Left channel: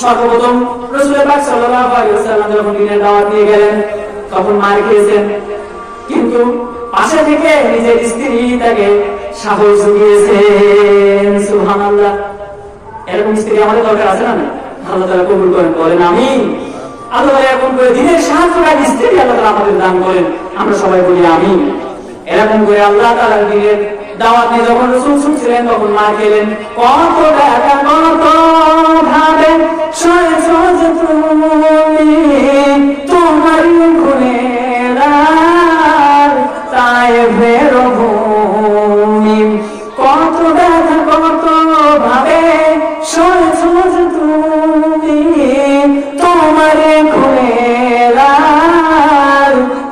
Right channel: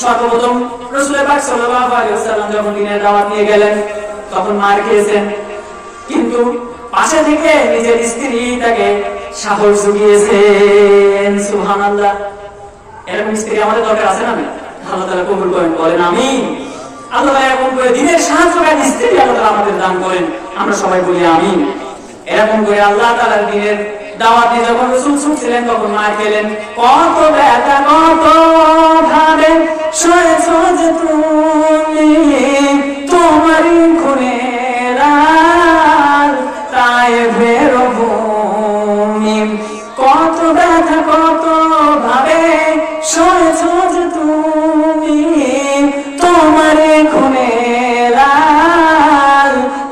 সর্বপ্রথম রাসূল পাক সাল্লাল্লাহু আলাইহি ওয়াসাল্লাম যখন দ্বীনের দাওয়াত নিয়ে গেলেন তখন মার খেয়েছেন, কিন্তু পাশে থেকে নিজের স্ত্রী তাকে সাহস জুগিয়েছেন। সুবহানাল্লাহ। এরকম স্ত্রী আমাদের দরকার আছে না? আল্লাহ তাআলা কবুল করেন, বলেন আমিন। আল্লাহ এরকম করে দিনের সাহায্যকারী স্ত্রী আল্লাহ আমাদের দান করেন, আমরা সবাই বলি আমিন। এরকম করে আল্লাহ তাআলার দ্বীনের দাওয়াত নিয়ে যখন রাসূল ছুটছিলেন তখন মার খেলেন। কত ব্যথা কত ভাবে সয়েছ যে তুমি তোমারই খুনের তায়েফের ভূমি, কত ব্যথা কত ভাবে সয়েছ যে তুমি তোমারই খুনের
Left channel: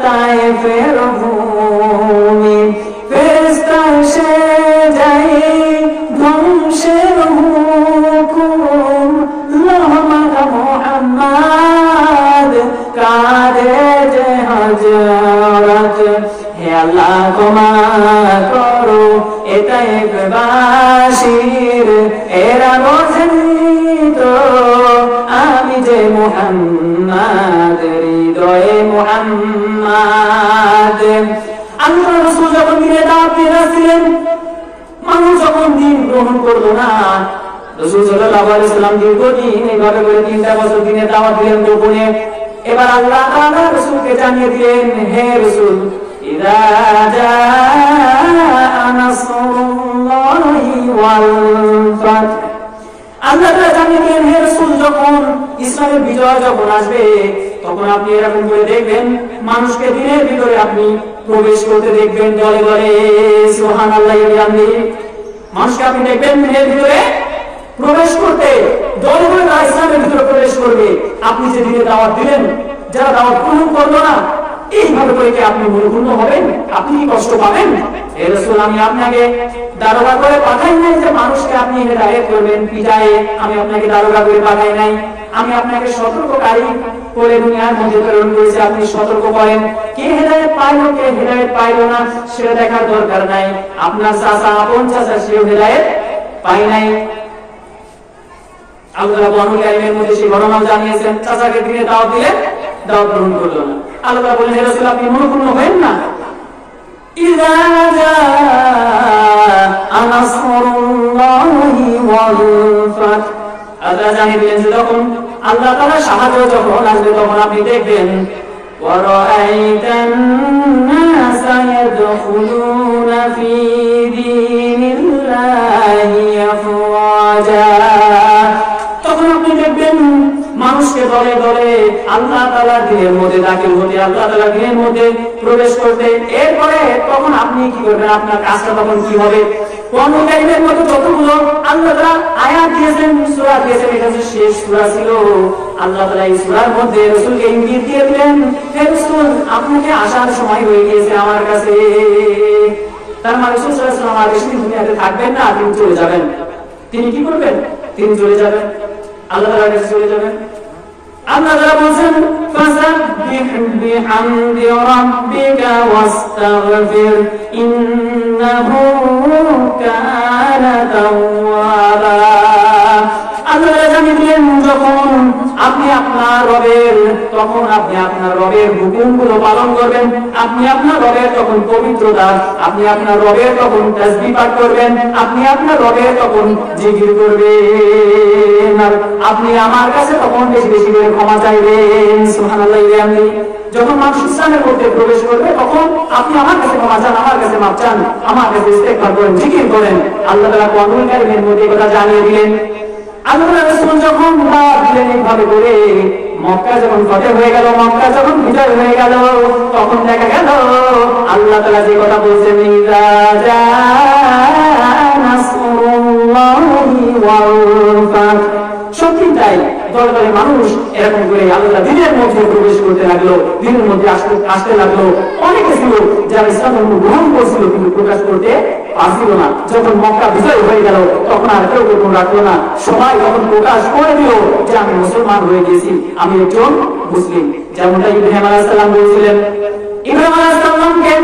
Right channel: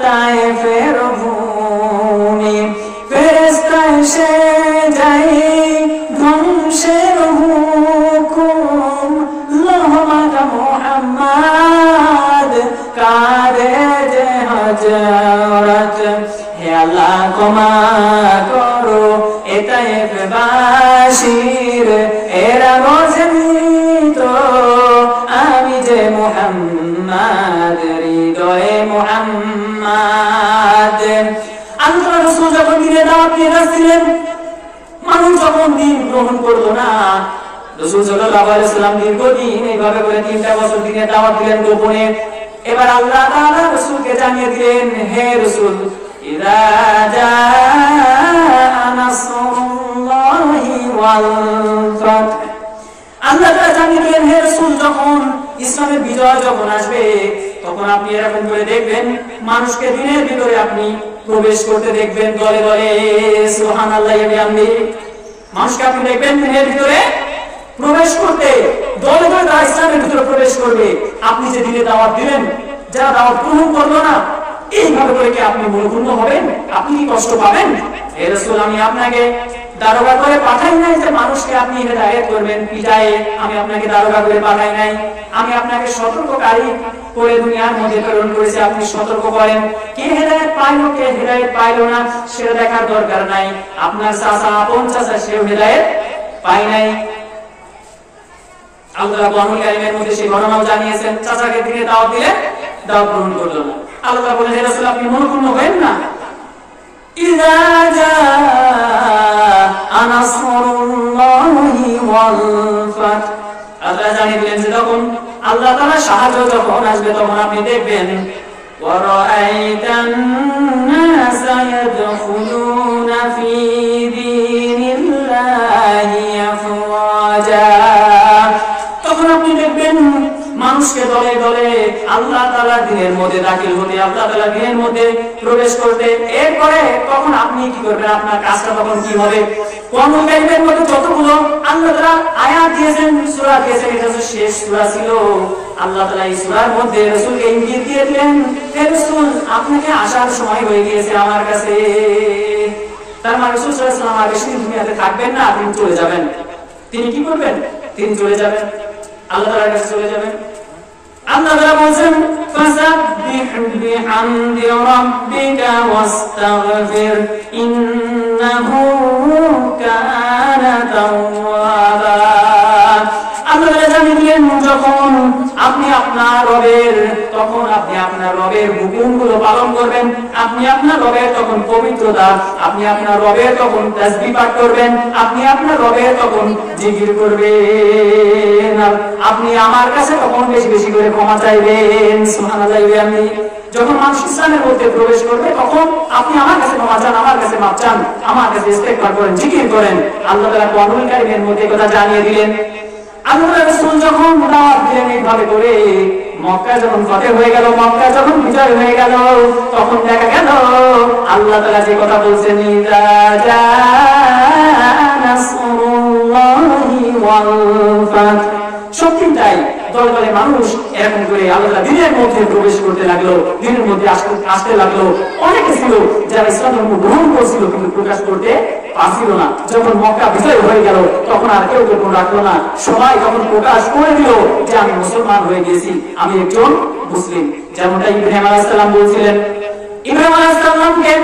তায়েফের ভূমি, ফেরেশতা এসে যায় ধ্বংসের হুকুম, লোহমাতা মুহাম্মদ কাঁদে যে হযরত, হে আল্লাহ ক্ষমা করো এ তায়েফবাসীর, এরা বোঝেনি তো আমি যে মুহাম্মদ, হৃদয়ে মুহাম্মদ। আল্লাহ রাসূল যখন দ্বীনের দাওয়াত নিয়ে আসছিলেন, মানুষ যখন দ্বীন গ্রহণ করলো না, রাসূল সাল্লাল্লাহু আলাইহি ওয়াসাল্লাম দীর্ঘদিন এইভাবে করে 3টা বছর দ্বীনের দাওয়াত দিলেন গোপনে। এবার আল্লাহ তাআলা রাসূলকে জানিয়ে দিলেন, হে রাসূল ইযা জাআ নাসরুল্লাহি ওয়াল ফাত, আল্লাহ তাআলা জানিয়ে দিলেন হে রাসূল যখন ইসলামের বিজয় যখন আসবে তখন আপনি এরকম করে দেখবেন মানুষকে দ্বীনের ভিতরে আপনি প্রবেশ করতে দেখবেন দলে দলে। সুবহানাল্লাহি ওয়া বিহামদিহি। মানুষকে আপনি দেখবেন দ্বীনের ভিতরে প্রবেশ করতে, দলে দলে তারা ইসলামের ভিতরে প্রবেশ করবে। আপনি যে দ্বীনের দাওয়াত দিলেন, যারা দাওয়াত গ্রহণ করলো না, এইভাবে করে কি আপনি মনোক্ষুণ্ণ হবেন? আপনি কি কষ্ট পাবেন? হে রাসূল আমি আপনাকে দারোগা করে পাঠাই নাই যে মানুষকে আপনি হেদায়েত করবেন পিটায়ে, আমি আপনাকে দারোগা করে পাঠাই নাই, আমি আপনাকে সতর্ককারী করে দুনিয়ার মধ্যে প্রেরণ করেছি, আপনি সতর্ক করেন। কে হেদায়েত পাইলো কে হেদায়েত পাইলো না সেটা দেখার দরকার নাই। আপনার চাচা আপন চাচা সেও হেদায়েত পায় নাই। আল্লাহ কোরআনুল কারীমের মধ্যে সেই ঘটনা জানিয়েছেন, চাচাকে দ্বীনের দাওয়াত দিলে দাওয়াত গ্রহণ করলো না। আল্লাহ বলেন হে রাসূল আপনি মনোক্ষুণ্ণ হবেন না। ইযা জাআ নাসরুল্লাহি ওয়াল ফাত, আল্লাহ জানিয়ে দিলেন যে যখন আল্লাহ তাআলা সাহায্য যখন আসবে তখন আপনি দেখবেন ওয়া রাআইতান নাসা ইয়াদখুলুনা ফি দীনিল্লাহি আফওয়াজা, তখন আপনি দেখবেন মানুষকে দলে দলে আল্লাহ তাআলার দ্বীনের মধ্যে দাখিল হতে, আল্লাহ তাআলার দ্বীনের মধ্যে প্রবেশ করতে। এরপরে তখন আপনি কি করবেন? আপনার কাজটা তখন কি হবে? কোরআনুল কারীমের মধ্যে যতগুলো আল্লাহ তাআলা আয়াত দিয়েছেন, সূরা দিয়েছেন, এটা হচ্ছে শেষ সূরা ছিল। আল্লাহ তাআলা এই সূরার মধ্যে রাসূলকে ইঙ্গিত দিয়ে দিলেন, হে রাসূল আপনাকে আসার সময় হয়ে গিয়েছে আমার কাছে। তার মানে রাসূল সাল্লাল্লাহু আলাইহি ওয়াসাল্লাম আর বেশি দিন দুনিয়াতে থাকবেন না, তিনি চলে যাবেন। তিনি কি করবেন? তিনি চলে যাবেন, আল্লাহ তাআলার কাছে চলে যাবেন। আল্লাহ তাআলা বলেন ফাসাব্বিহ বিহামদি রাব্বিকা ওয়াস্তাগফির ইন্নাহু কানা তাওয়াবা। আল্লাহ তাআলা জানিয়ে দিলেন যখন আপনি আপনার রবের, তখন আপনি আপনার রবের হুকুমগুলো পালন করবেন, আপনি আপনার রবের তখন পবিত্রতা, আপনি আপনার রবের তখন তাসবিহ পাঠ করবেন, আপনি আপনার রবের তখন জিকির করবেন, আর আপনি আমার কাছে তখন বেশি বেশি করে ক্ষমা চাইবেন। সুবহানাল্লাহি ওয়া বিহামদিহি। যখন মানুষ ইসলামের মধ্যে প্রবেশ করবে তখন আপনি আমার কাছে ক্ষমা চান, আমার কাছে মাফ চান, আমার কাছে ইস্তেগফার করেন, জিকির করেন। আল্লাহ তাআলা কোরআনুল কারীমের মধ্যে কথা জানিয়ে দিলেন। আল্লাহ রাসূল যখন দাওয়াত দিলেন এইভাবে করে, মক্কা যখন ফতেহ হয়ে গেল, মক্কা যখন বিজয় হয়ে গেল, তখন দেখা গেল আল্লাহ তাআলা যে কথা বলছেন ইযা জাআ নাসরুল্লাহি ওয়াল ফাত, সত্যি তাই। দলে দলে মানুষ এরকম করে আল্লাহ দ্বীনের মধ্যে প্রবেশ করতে লাগলো, দ্বীনের মধ্যে আসতে লাগলো। অনেকে ছিল যারা ইসলাম ধর্ম গ্রহণ করছিল কিন্তু প্রকাশ করতে পারছিল না। যখন মক্কা বিজয় হয়ে গেল তখন আর কেউ গোপন রাখলো না, সবাই যখন প্রকাশ করে দিল যে আমি মুসলমান হয়ে গেছি, আমি একজন মুসলিম। যেমনটা ইব্রাহিম আলাইহিস সালাম বলেছিলেন। ইব্রাহিম আলাইহিস সালামকে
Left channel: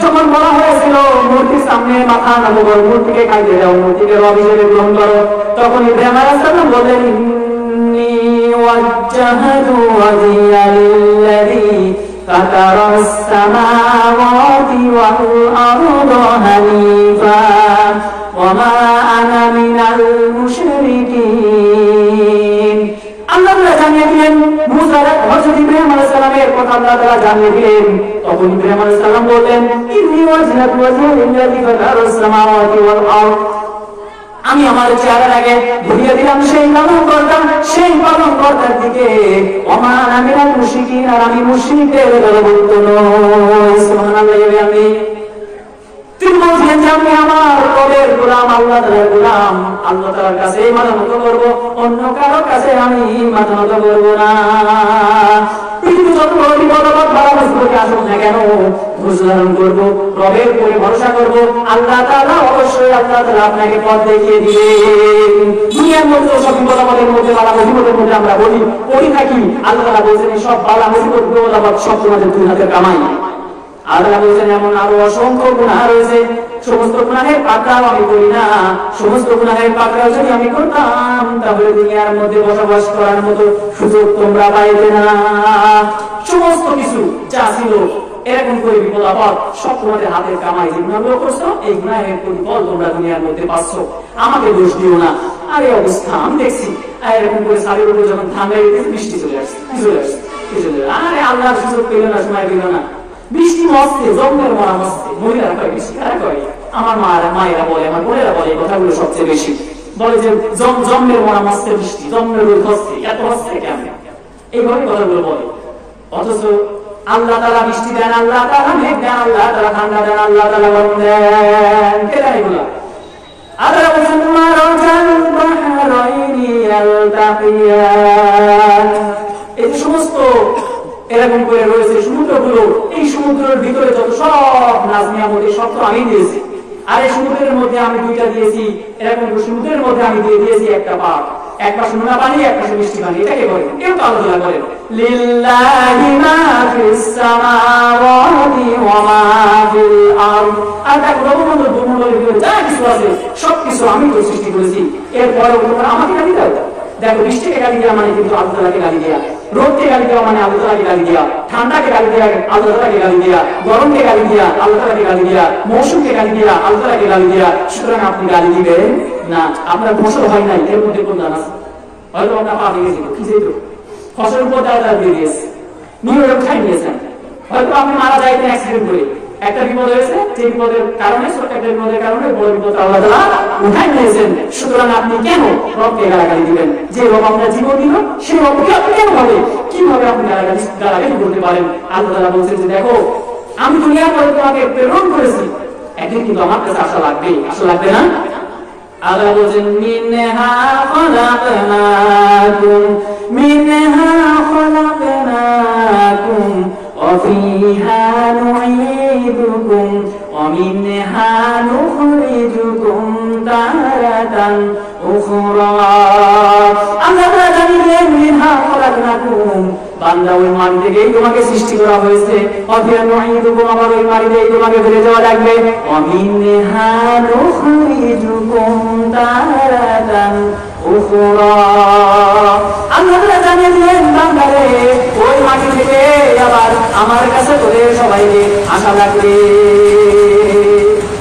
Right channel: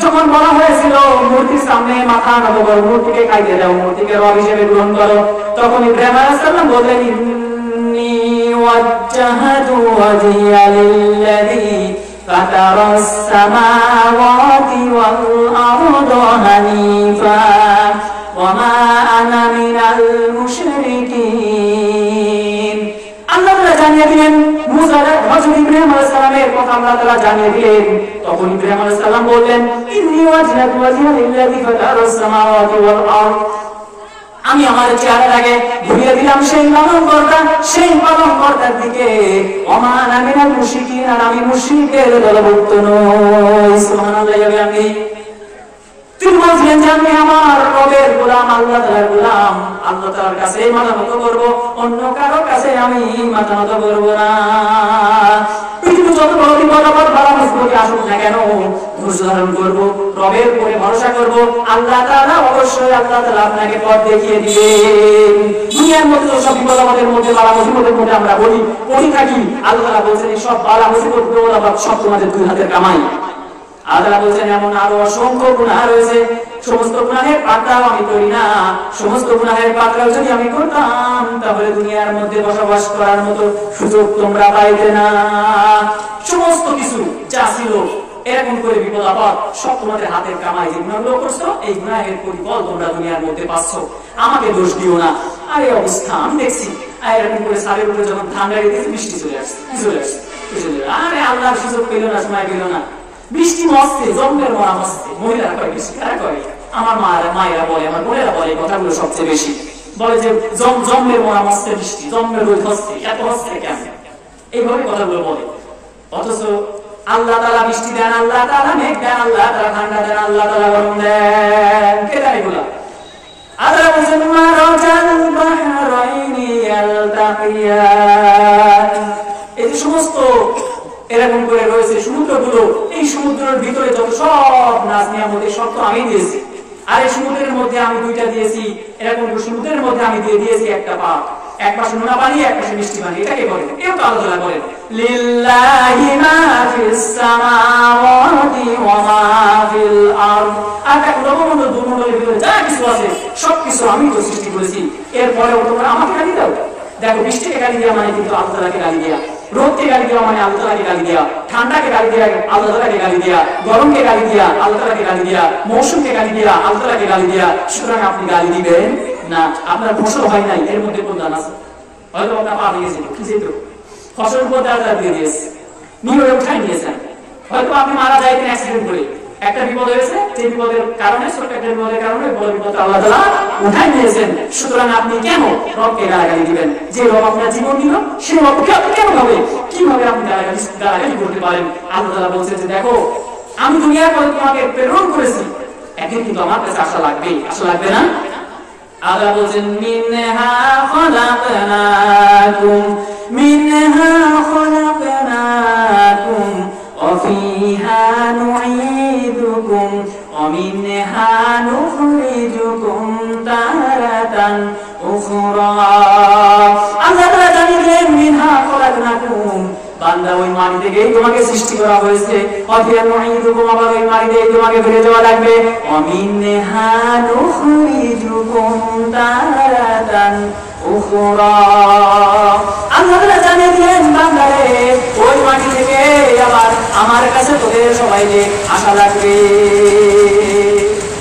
যখন বলা হয়েছিল মূর্তির সামনে মাথা নত করো, মূর্তিকে খাইতে দাও, মূর্তিকে রব হিসেবে গ্রহণ করো, তখন ইব্রাহিম আলাইহিস সালাম বললেন وجهت وجهي للذي فطر السماوات والأرض حنيفا وما أنا من المشركين আল্লাহ তাআলা জানিয়ে দিলেন মুসা হযরত ইব্রাহিম আলাইহিস সালামের কথা আল্লাহ তাআলা জানিয়ে দিলেন তখন ইব্রাহিম আলাইহিস সালাম বললেন ইন্নী ওয়াজহাতু ওয়াজহিয়া লিল্লাযী ফাতারাস সামাওয়াতি ওয়াল আরদ আমি আমার চেহারাটাকে ঘুরিয়ে দিলাম সেই পালনকর্তার দিকে ওমা আনা মিনাল মুশরিকিন আর আমি মুশরিকদের দলভুক্ত নই সুবহানাল্লাহি ওয়া বিহামদিহি তিনি বলছেন যে আমি আমার রবের গোলাম আল্লাহ তাআলার গোলাম আল্লাহ তাআলার কাছে মাথা নত করব অন্য কারো কাছে আমি মাথা নত করব না পৃথিবী যত বড় বিপদ বাড়া মুসিবত আসুক না কেন ধৈর্য ধারণ করব রবের উপরে ভরসা করব আল্লাহ তাআলা অবশ্যই আল্লাহ তাআলা আপনাকে পথ দেখিয়ে দিবেন দুনিয়ার মধ্যে সব বিপদের মধ্যে বাড়া মুসিবতের মধ্যে আমরা পড়ি থাকি আল্লাহ তাআলা বলেন সব বাড়া মুসিবত বিপদ সব তোমাদের দুই হাতের কামাই আল্লাহ বলেন এমন আরো অসংখ্য গুনাহ রয়েছে সমস্ত গুনাহের পাকড়াও আমি করি না সমস্ত গুনাহের পাকড়াও যদি আমি করতাম তাহলে দুনিয়ার মধ্যে বসবাস করার মতো সুযোগ তোমরা পাইতে না সমস্ত কিছু যা ছিল এরকম করে বিপদ আপদ সব তোমাদের হাতের কামাই যে গুনাহগুলো করছো এই গুনাহের প্রতিফল তোমরা দুনিয়ার মধ্যে পাচ্ছো আমাকে দোষ দিও না আর এই অবস্থা আমি দেখছি আর এরকম করে সারের উপরে যখন ঠান্ডা দিয়েছে বৃষ্টি চলে আসছে আরে আল্লাহর সুযোগ পেল না সময় পেল না বৃষ্টি মস্তে জম্মের মরা মস্তে মহিলারা কয় বেশি কারা কয় আমার মায়েরা বলে আমার বোনেরা বলে এই কথাগুলো সবচেয়ে বেশি বলে যে জম্মের মরা মস্তে বৃষ্টি জম্মের রোদ হস্তে এত হস্তে কেমন এইভাবে কথাগুলো বলে অথচ আল্লাহ তাআলা বৃষ্টি দেন আল্লাহ তাআলা মেঘ দেন আল্লাহ তাআলা ঠান্ডা দেন আল্লাহ তাআলা গরম দেন কে দেয় এগুলো আল্লাহ বলেন মারাজাল বাহরাইনি ইয়ালতাকিয়ান এই সমস্ত এরকম করে রয়েছে সমুদ্রগুলো এই সমুদ্রের ভিতরে যত সব নাজ নিয়ামত সব তো আমি দিয়েছি আর এই সমুদ্রের মধ্যে আমি দুইটা দিয়েছি এরকম সমুদ্রের মধ্যে আমি দিয়ে দিয়েছি একটা পাক এক পাশে নোনা পানি এক পাশে মিষ্টি পানি এটাকে বলে কেউ তো আলাদা করে লিল্লাহি মা ফিস সামাওয়াতি ওয়া মা ফিল আরদ আর তা ব্রহ্মাণ্ড ভূমণ্ডলের ভিতরে যা কিছু আছে সবকিছু আমি তো সৃষ্টি করেছি এরপরেও তোমরা আমাকে গালি দাও দেখো বৃষ্টিকে গালি দেওয়া মানে কিন্তু আল্লাহ তাআলাকে গালি দেওয়া রোদকে গালি দেওয়া মানে আল্লাহ তাআলাকে গালি দেওয়া ঠান্ডাকে গালি দেওয়া আল্লাহ তাআলাকে গালি দেওয়া গরমকে গালি দেওয়া আল্লাহ তাআলাকে গালি দেওয়া মৌসুমকে গালি দেওয়া আল্লাহ তাআলাকে গালি দেওয়া সুতরাং আপনি গালি দিবেন না আপনার ফসল হয় নাই এর মধ্যে কোন দান আছে হয়তো আপনার পা ভেঙে যেত কি যেত ফসলের উপর দাঁড়া দিয়ে দিয়েছে নিয়ে উঠাই নিয়েছেন হয়তো আপনি মারা যাইতেন অ্যাক্সিডেন্ট করে একটা বিপদ হয়েছে যে বিপদের কারণে ছোট্ট একটা বিপদের কারণে বড় বিপদ আল্লাহ তাআলা উঠাই নিয়েছেন সুতরাং আপনি কেন রবকে গালাগালি দিবেন যে রব আপনার জীবন দিল সে রবকে আপনি কেন হবে কিভাবে আপনি গালাগালি করতে পারেন আল্লাহ তাআলা বলছেন যে দেখো আমি দুনিয়ার মধ্যে তোমাকে প্রেরণ করেছি একদিন কিন্তু আমার কাছে আশা লাগবে না আল্লাহ বলছেন মিনহা খলাকনাকুম وفيها نعيدكم ومنها نخرجكم تارة أخرى আল্লাহ তাআলা জানিয়েছেন মিনহা খলাকনাকুম বান্দা ওই মাটি থেকেই তোমাকে সৃষ্টি করা হয়েছে অফিয়া মুঈদুকুম আবার ওই মাটি থেকে তোমাকে ফিরে যাওয়া লাগবে ওয়ামিনহা নুখরিজুকুম তারাতান উখরা আল্লাহ তাআলা জানিয়ে দিলেন বান্দারে ওই মাটি থেকে আবার আমার কাছে তোদের সবাইকে আশা লাগবে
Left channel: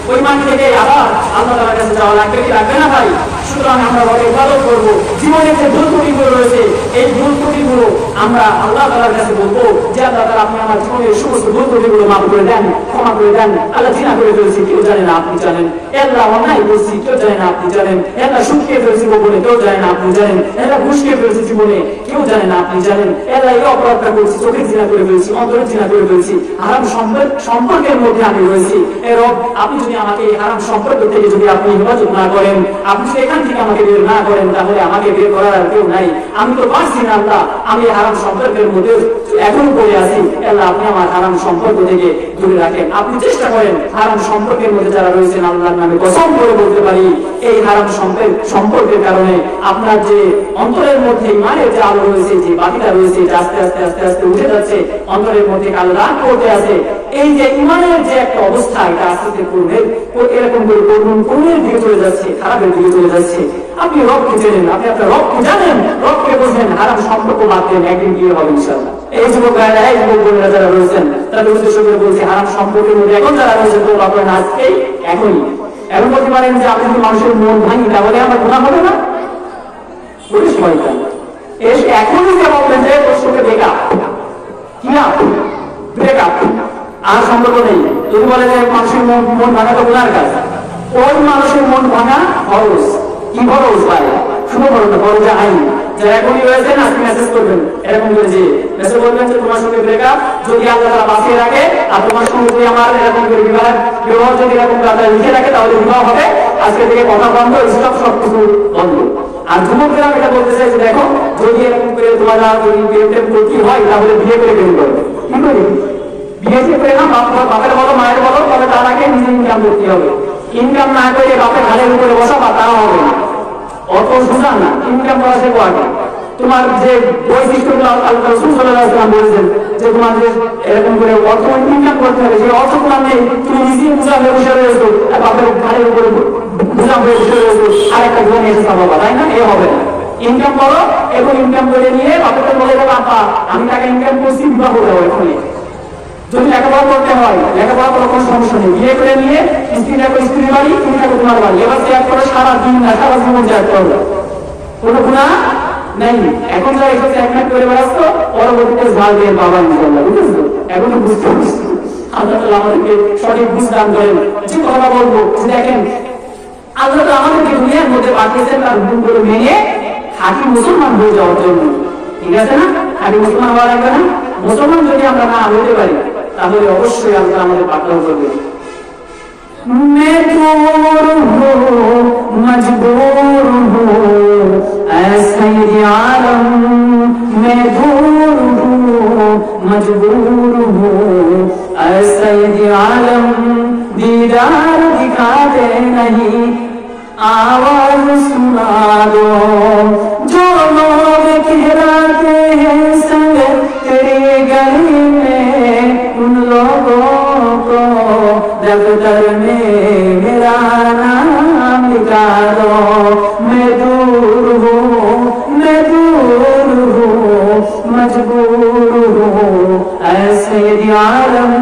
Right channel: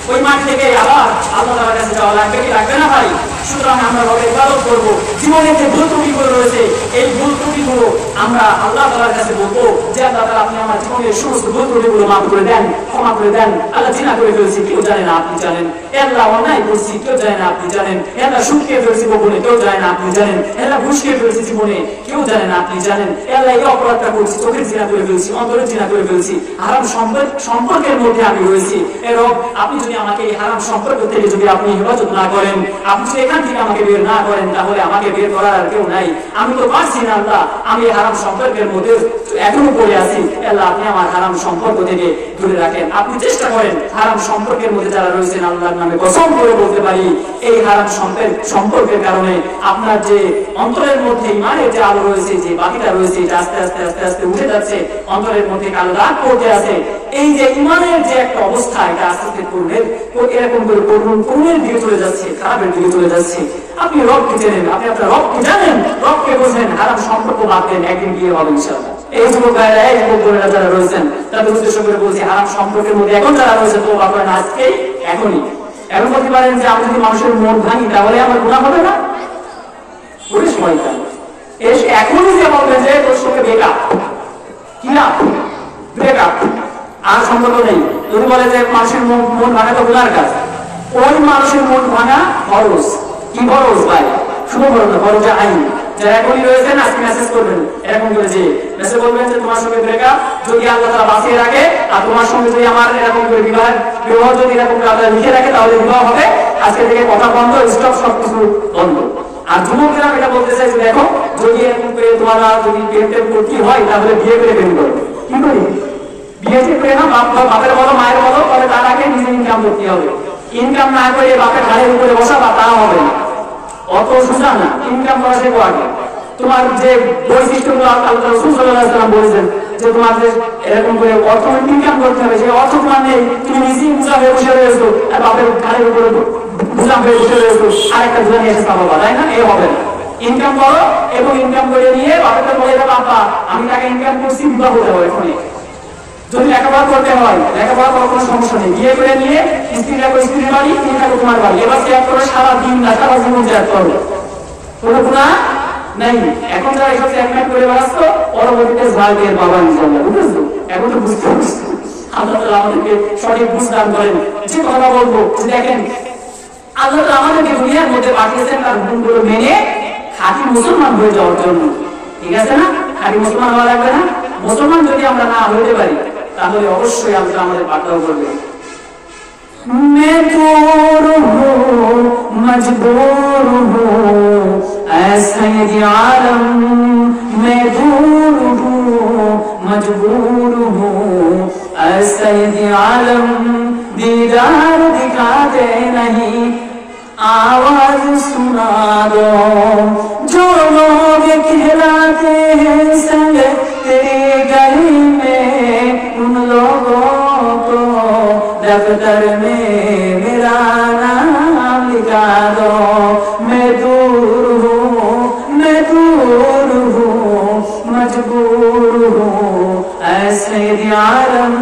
ওই মাটি থেকে আবার আল্লাহ তাআলার কাছে যাওয়া লাগবে কি লাগবে না ভাই সুতরাং আমরা বড় ইবাদত করব জীবনে যে ভুল ত্রুটিগুলো রয়েছে এই ভুল ত্রুটিগুলো আমরা আল্লাহ তাআলার কাছে বলবো যে আল্লাহ তাআলা আপনি আমার জীবনের সমস্ত ভুল ত্রুটিগুলো মাফ করে দেন ক্ষমা করে দেন আল্লাহ জিনা করে ফেলেছি কেউ জানে না আপনি জানেন আল্লাহ অন্যায় করছি কেউ জানে না আপনি জানেন আল্লাহ সুদ খেয়ে ফেলেছি জীবনে কেউ জানে না আপনি জানেন আল্লাহ ঘুষ খেয়ে ফেলেছি জীবনে কেউ জানে না আপনি জানেন আল্লাহ এই অপরাধটা করছি চোখের জিনা করে ফেলেছি অন্তরের জিনা করে ফেলেছি হারাম সম্পর্কের মধ্যে আমি রয়েছি রব আপনি যদি আমাকে এই হারাম সম্পর্ক থেকে যদি আপনি হেফাজত না করেন আপনি যদি এখান থেকে আমাকে বের না করেন তাহলে আমাকে বের করার আর কেউ নাই আমি তো পারছি না আল্লাহ আমি হারাম সম্পর্কের মধ্যে এখনো পড়ে আছি আল্লাহ আপনি আমার হারাম সম্পর্ক থেকে দূরে রাখেন আপনি চেষ্টা করেন হারাম সম্পর্কের মধ্যে যারা রয়েছেন আল্লাহর নামে কসম করে বলতে পারি এই হারাম সম্পর্কের কারণে আপনার যে অন্তরের মধ্যে ইমানের যে আলো রয়েছে যে বাতিটা রয়েছে এটা আস্তে আস্তে আস্তে আস্তে উঠে যাচ্ছে অন্তরের মধ্যে কালো দাগ পড়তে আছে এই যে ইমানের যে একটা অবস্থা এটা আস্তে আস্তে এরকম করে করুণের দিকে চলে যাচ্ছে খারাপের দিকে চলে যাচ্ছে আপনি রবকে চেনেন আপনি আপনার রবকে জানেন রবকে বোঝেন হারাম সম্পর্ক বাদ ভাবতেন একদিন বিয়ে হবে ইনশাআল্লাহ। এই যুবক ভাইরা, এই যুবক বোনেরা যারা রয়েছেন, তারা উদ্দেশ্য করে বলছে হারাম সম্পর্কের মধ্যে এখন যারা রয়েছে তো আপনারা আজকেই এখনই এখন বলতে পারেন যে আপনি যদি মানুষের মন ভাঙি তাহলে আমার গুনাহ হবে না? পুলিশ শয়তান এখনই যে বলবেন যে তোর সঙ্গে ব্রেকআপ, কি না ব্রেকআপ আর সম্পর্ক নেই, যদি বলে যে মানুষের মন ভাঙা তো গুনার কাজ, ওই মানুষের মন ভাঙা ফরজ। কি ফরজ ভাই? শুভ ফরজ, ফরজ আইন। যারা এখনই রয়েছেন আজকে মেসেজ করবেন, এরকম করে যে মেসেজ বলবেন যে তোমার সঙ্গে ব্রেকআপ যদি আল্লাহ তাআলা বাঁচিয়ে রাখে আর তোমার সঙ্গে যদি আমার এরকম করে বিবাহ যদি এরকম আল্লাহ লিখে রাখে তাহলে বিবাহ হবে। আজকে থেকে কথা বন্ধ, স্টপ, সবকিছু বন্ধ। আর যুবকরা এটা বলতে চাই যে দেখো যদি এরকম করে তোমারা যদি প্রেম করতে হয় তাহলে বিয়ে করে প্রেম করবে। কি করি? বিয়ে থেকে না বাপের বলো মায়ের বলো, তবে তার আগে নিজে ইনকাম করতে হবে। ইনকাম না করে বাপের ঘাড়ের উপরে বসা বা তারা হবে না, অত সোজা না। ইনকাম করা সে করা তোমার যে বৈশিষ্ট্যগুলো আল্লাহ রাসূল সাল্লাল্লাহু আলাইহি ওয়াসাল্লাম বলেছেন যে তোমার যে এরকম করে অর্থ ইনকাম করতে হবে, সেই অর্থ তোমার নেই, তুমি নিজেই বোঝা হয়ে বসে রয়েছো আর বাপের ঘাড়ের উপরে বোঝা হয়ে বসে রয়েছো আর একটা বোঝা নিয়ে এসে পাবো, তাই না? এই হবে না। ইনকাম করো এবং ইনকাম করে নিয়ে বাপকে বলে দেবো বাবা আমি তাকে ইনকাম করছি, বিবাহ দেবো। এখনই যদি লেখাপড়া করতে হয় লেখাপড়া করার কোনো সমস্যা নেই, বিয়ে করে নিয়ে স্ত্রীরা স্ত্রীর বাড়ি, তুমি তোমার বাড়ি, এবার ত্যাগ করে সারা দিন না সারা জীবন ত্যাগ করবে, কোনো গুনাহ নাই। এখন যারা এসেছে একমাত্র করে ব্যস্ত, পরবর্তীতে ঝাড় দিয়ে বাবা ইনশাআল্লাহ, বুঝেছো? এখন তো বুঝতে পারছি আল্লাহ তাআলা আমাদেরকে সঠিক বুঝ দান করেন। যে কথা বলবো দেখেন আল্লাহ তাআলা আমাদেরকে দুনিয়ার মধ্যে পাঠিয়েছেন তার হুকুমগুলো মেনে খাঁটি মুসলমান হয়ে যাওয়ার জন্য, ঠিক আছে না? খাঁটি মুসলমান হওয়া লাগবে না? মুসলমান যদি আমরা না হতে পারি তাহলে অবশ্যই আল্লাহ আমাদের পাঠাও করবে। मैं दूर हूँ मजबूर हूँ ऐसा ये आलम, मैं दूर हूँ मजबूर हूँ ऐसा ये आलम, दीदार दिखा दे नहीं आवाज सुना दो, जो लोग कहलाते हैं संग तेरी गली में उन लोगों को दफ्तर में मेरा नाम लिखा दो, मैं दूर हूँ मजबूर हूँ ऐसे आलम,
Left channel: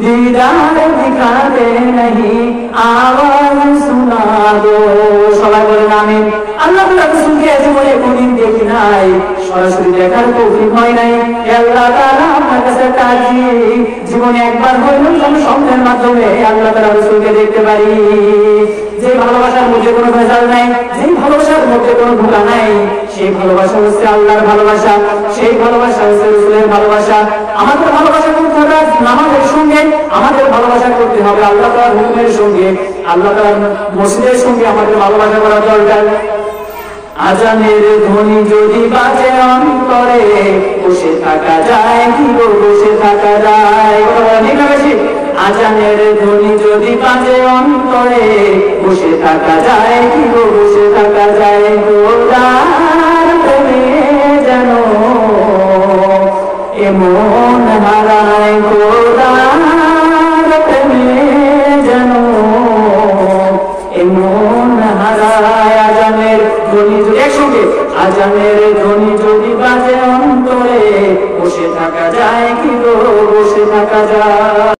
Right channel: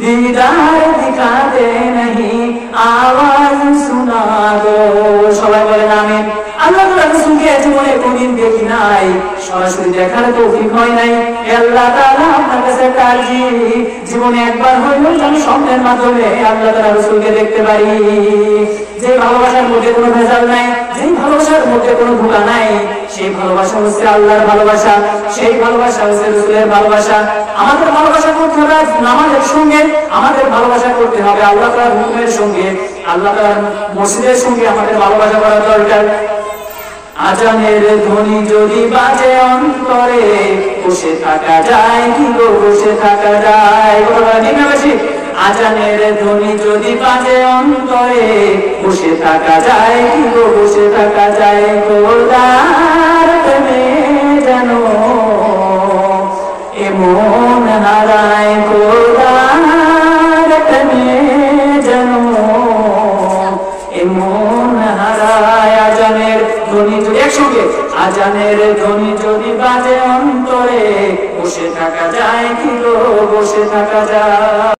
दीदार दिखा दे नहीं आवाज सुना दो। সবাই বলেন আমিন। আল্লাহ রাসূলকে জীবনে কোনদিন দেখি নাই, সরাসরি দেখার তৌফিক হয় নাই। আল্লাহ তাআলা আমার কাছে কাজী জীবনে একবার হলেও যেন স্বপ্নের মাধ্যমে আল্লাহ তাআলা রাসূলকে দেখতে পারি। যে ভালোবাসার মধ্যে কোনো ভেজাল নাই, যে ভালোবাসার মধ্যে কোনো ভুলা নাই, সেই ভালোবাসা হচ্ছে আল্লাহর ভালোবাসা, সেই ভালোবাসা হচ্ছে রাসূলের ভালোবাসা। আমাদের ভালোবাসা করতে হবে নামাজের সঙ্গে, আমাদের ভালোবাসা করতে হবে আল্লাহ তাআলার হুকুমের সঙ্গে, আল্লাহ তাআলার মসজিদের সঙ্গে আমাদের ভালোবাসা করা দরকার। আজানের ধ্বনি যদি বাজে অন্তরে বসে থাকা যায় কি গো, বসে থাকা যায়? আজানের ধ্বনি যদি বাজে অন্তরে বসে থাকা যায় কি গো, বসে থাকা যায়? গোলার প্রেমে যেন এমন হারায়, গোলার প্রেমে যেন এমন হারায়। আজানের ধ্বনি যদি একসঙ্গে, আজানের ধ্বনি যদি বাজে অন্তরে বসে থাকা যায় কি গো, বসে থাকা যায়?